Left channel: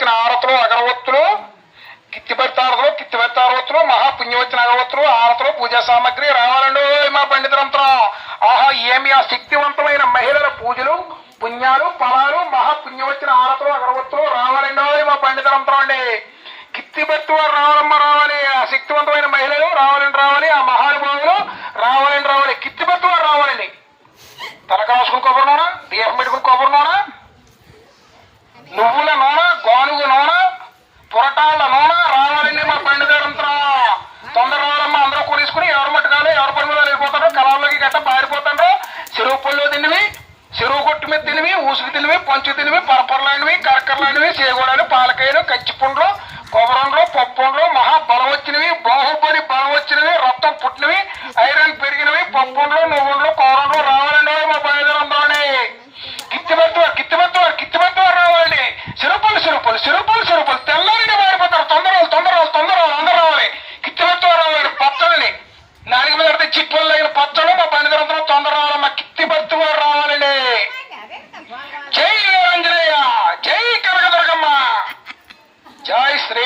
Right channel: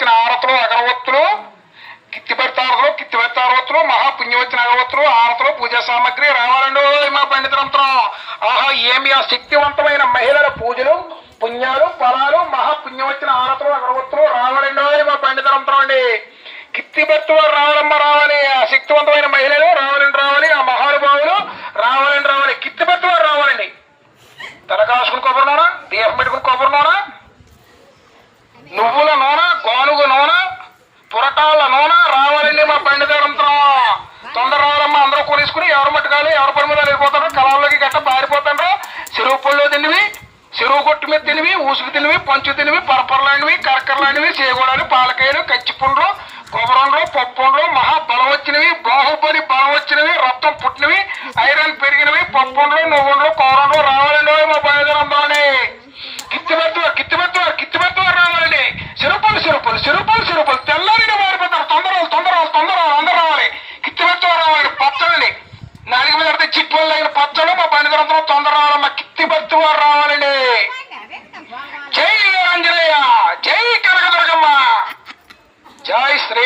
పుణ్యవచ్చిన ఆరతులు అగరవత్తులు కిత్తిబెత్తారతులు మహాపుణ్యవచ్చిన అగరవత్తులు ఆరతులు పూజా సామాగ్రి రావాలండి మా పండితరంత్రం. ఆహా ఏమి ఆ శక్తివంతమైన మహిళల పూజలు పుణ్యాలు ఫలాలు మహాపుణ్యవచ్చిన ఆరతులు అగరవత్తులు రావాలండి మా పండితరంత్రం అండి. కిత్తిబెత్తు వారు రావాలమ్మ రావాలి, ఆ శక్తివంతమైన మహిళలు రావాలి, ఆ మహానుభావులు రావాలి, కిత్తిబెత్తు వారు రావాలండి. తలకాసుకుని కొబ్బరి నూనె, దీపం పెట్టుకుని కొబ్బరి నూనె, నువ్వుల నూనె, గోనుగు నూనె, పురటాల నూనె రావాలండి మా పండితరంత్రం. తొందర రావాలమ్మ, అందరూ కొనేసుకుని ఎవరు మట్టుకాలి ఎవరు పని మీద వెళ్ళిపోతారో కళాల్లోకి గట్ట పారిపోతారో. చెరువు పళ్ళు తినివి, చెరువు కొట్టు మీద తినివి, ఊసుకు తినివి, పంచు తినివి, పరపరలాంటివి, కరకరలాంటివి, చేగూడలు, పాలకాయలు, కచ్చిపుండ్లు, కొబ్బరండ్లు, పప్పుండ్లు, మహాబలం వచ్చినవి, బాహుబలి బలం వచ్చినవి, రక్తం పుట్టినవి, ఐరన్ పెరిగినవి, పప్పుండ్లు, నువ్వుండ్లు, కూరండ్లు రావాలండి మా బయలుదేరంలోని. కిత్తిబెత్తు రావాలండి. సిరుపలు తెల్లారిగా మారిపోతారు. తొందర అందరూ రావాలి. కిత్తిబెత్తు రావాలండి. పచ్చడండి, నాలుగు మీద పడితే చిట్టులు అయిన పచ్చళ్ళు మా బండిదరంతో తొందర రావాలమ్మ. కిత్తిబెత్తు రావాలండి. జై ఆంజనేయ, జై కనకదుర్గమ్మ, జై శ్రీ